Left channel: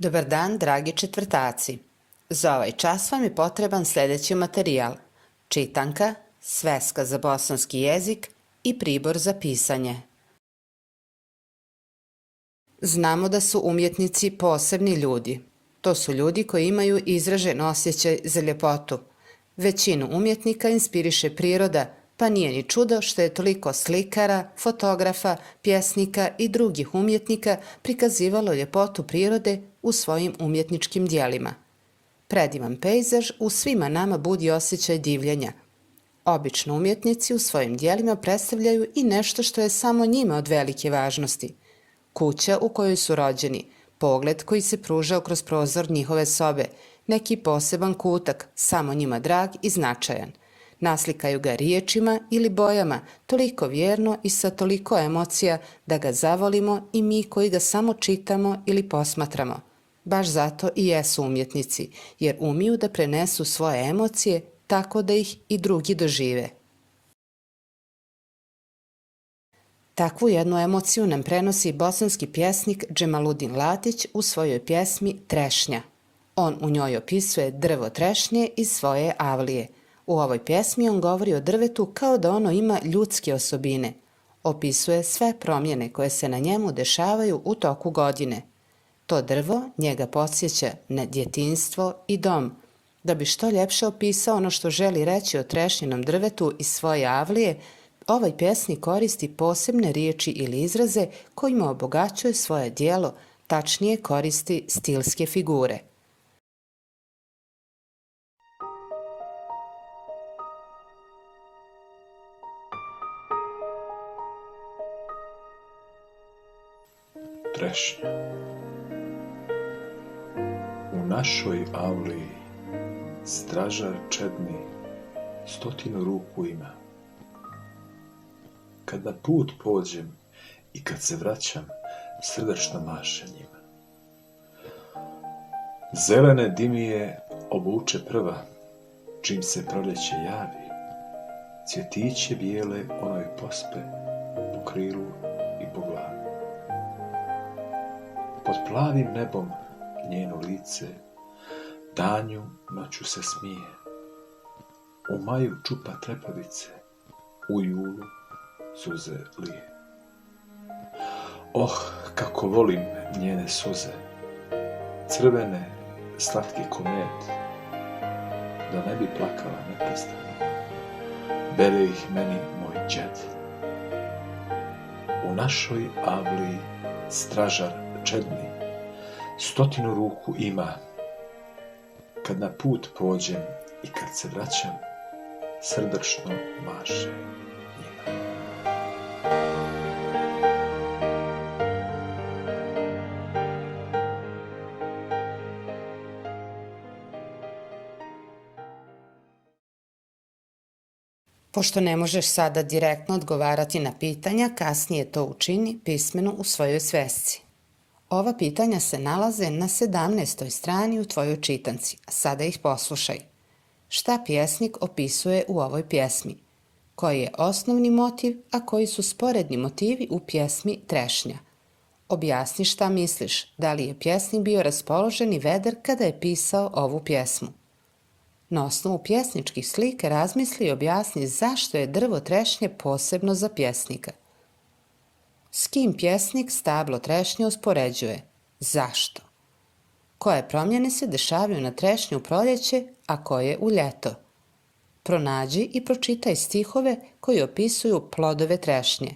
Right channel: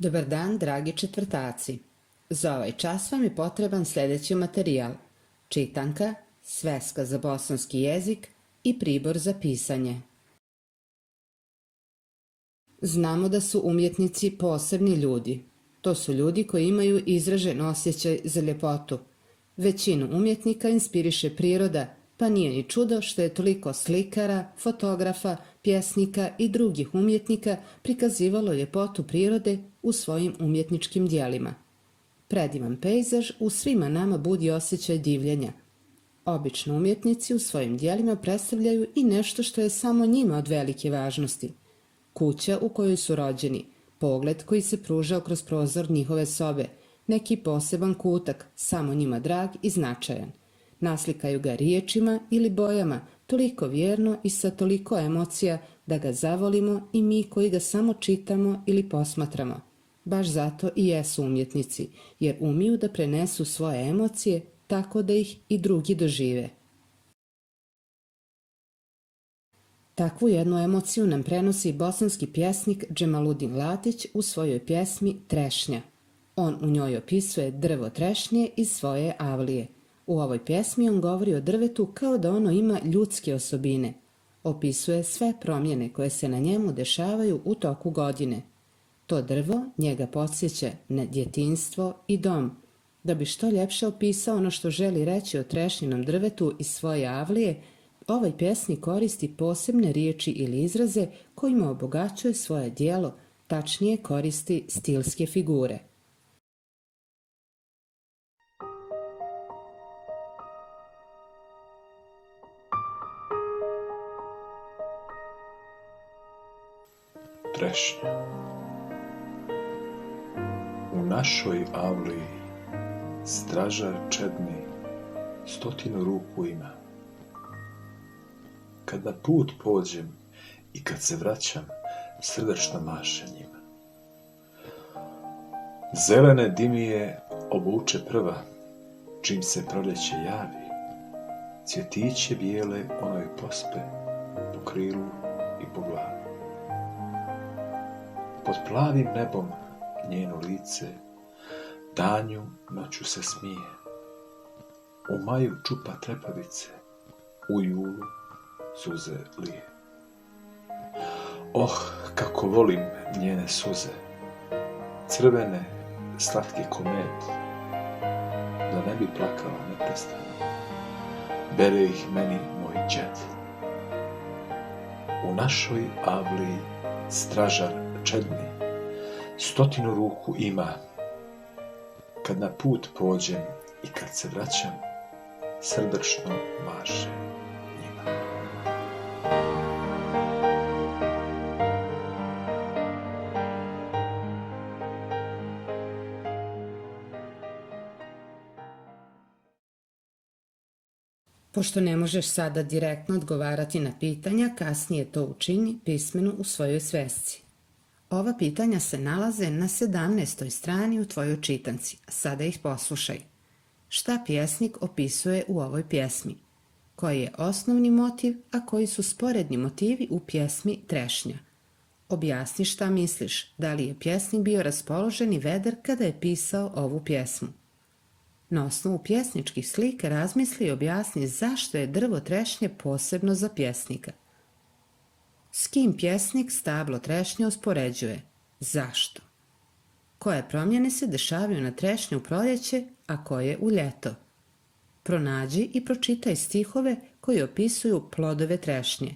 Dobar dan, dragi četvrtaci. Za ovaj čas vam je potreban sljedeći materijal: čitanka, sveska za bosanski jezik i pribor za pisanje. Znamo da su umjetnici posebni ljudi. To su ljudi koji imaju izražen osjećaj za ljepotu. Većinu umjetnika inspiriše priroda, pa nije ni čudo što je toliko slikara, fotografa, pjesnika i drugih umjetnika prikazivalo ljepotu prirode u svojim umjetničkim dijelima. Predivan pejzaž u svima nama budi osjećaj divljenja. Obično umjetnici u svojim dijelima predstavljaju i nešto što je samo njima od velike važnosti. Kuća u kojoj su rođeni, pogled koji se pružao kroz prozor njihove sobe, neki poseban kutak, samo njima drag i značajan. Naslikaju ga riječima ili bojama, toliko vjerno i sa toliko emocija da ga zavolimo i mi koji ga samo čitamo ili posmatramo. Baš zato i jesu umjetnici, jer umiju da prenesu svoje emocije tako da ih i drugi dožive. Takvu jednu emociju nam prenosi bosanski pjesnik Džemaludin Latić u svojoj pjesmi Trešnja. On u njoj opisuje drvo trešnje iz svoje avlije. U ovoj pjesmi on govori o drvetu kao da ono ima ljudske osobine. Opisuje sve promjene koje se na njemu dešavaju u toku godine. To drvo njega podsjeća na djetinjstvo i dom. Da bi što ljepše opisao ono što želi reći o trešnjinom drvetu iz svoje avlije, ovaj pjesnik koristi posebne riječi ili izraze kojima obogaćuje svoje djelo, tačnije koristi stilske figure. Trešnja. U našoj avliji stražar čedni 100 ruku ima. Kad na put pođem i kad se vraćam, srdačno maše njima. Zelene dimije obuče prva, čim se proljeće javi. Cvjetiće bijele onoj pospe po krilu i po glavi. Pod plavim nebom njeno lice danju noću se smije. U maju čupa trepavice, u julu suze lije. Oh, kako volim njene suze, crvene, slatke ko med, da ne bi plakala neprestano, bere ih meni moj đed. U našoj avliji stražar čedni 100 ruku ima. Kad na put pođem i kad se vraćam, srdačno maše njima. Pošto ne možeš sada direktno odgovarati na pitanja, kasnije to učini pismeno u svojoj svesci. Ova pitanja se nalaze na 17. strani u tvojoj čitanci, a sada ih poslušaj. Šta pjesnik opisuje u ovoj pjesmi? Koji je osnovni motiv, a koji su sporedni motivi u pjesmi Trešnja? Objasni šta misliš, da li je pjesnik bio raspoložen i vedar kada je pisao ovu pjesmu. Na osnovu pjesničkih slika razmisli i objasni zašto je drvo trešnje posebno za pjesnika. S kim pjesnik stablo trešnje uspoređuje? Zašto? Koje promjene se dešavaju na trešnju u proljeće, a koje u ljeto? Pronađi i pročitaj stihove koji opisuju plodove trešnje.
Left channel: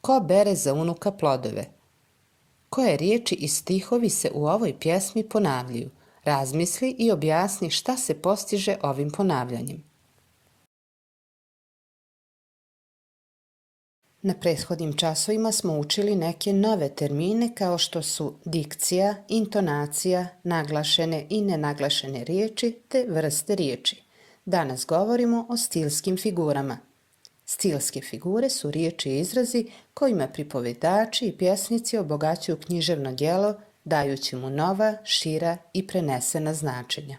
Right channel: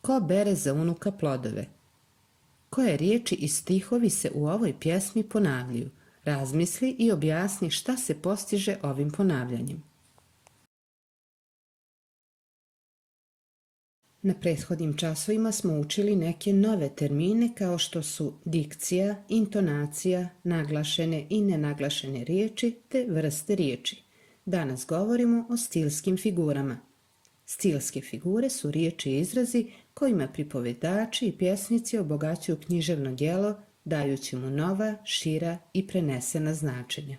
Ko bere za unuka plodove? Koje riječi i stihovi se u ovoj pjesmi ponavljaju? Razmisli i objasni šta se postiže ovim ponavljanjem. Na prethodnim časovima smo učili neke nove termine kao što su dikcija, intonacija, naglašene i nenaglašene riječi te vrste riječi. Danas govorimo o stilskim figurama. Stilske figure su riječi i izrazi kojima pripovjedači i pjesnici obogaćuju književno djelo, dajući mu nova, šira i prenesena značenja.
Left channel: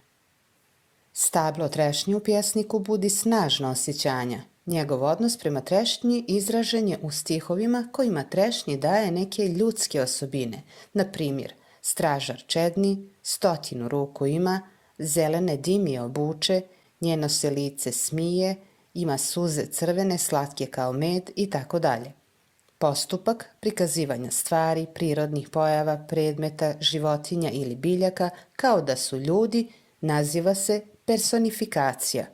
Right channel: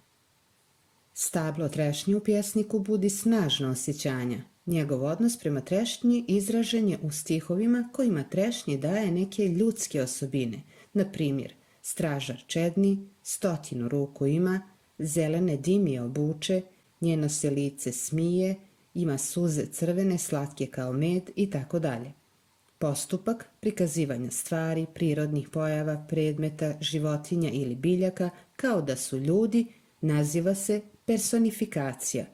Stablo trešnje u pjesniku budi snažna osjećanja. Njegov odnos prema trešnji izražen je u stihovima kojima trešnji daje neke ljudske osobine, na primjer, Stražar čedni, 100 ruku ima, zelene dimije obuče, njeno se lice smije, ima suze crvene, slatke kao med i tako dalje. Postupak prikazivanja stvari, prirodnih pojava, predmeta, životinja ili biljaka kao da su ljudi naziva se personifikacija.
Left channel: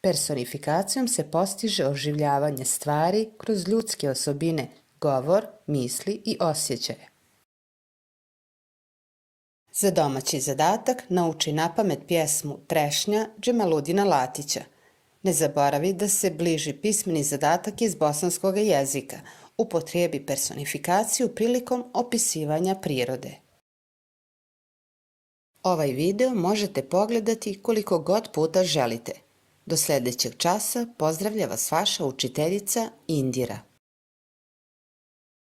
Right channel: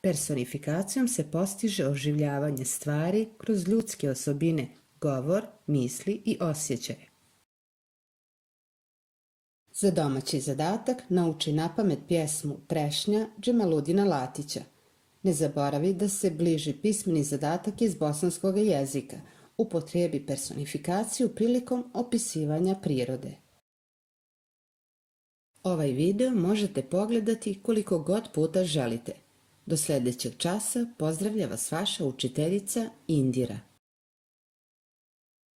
Personifikacijom se postiže oživljavanje stvari kroz ljudske osobine, govor, misli i osjećaje. Za domaći zadatak nauči napamet pjesmu Trešnja Džemaludina Latića. Ne zaboravi da se bliži pismeni zadatak iz bosanskog jezika. Upotrebi personifikaciju prilikom opisivanja prirode. Ovaj video možete pogledati koliko god puta želite. Do sljedećeg časa pozdravlja vas vaša učiteljica Indira.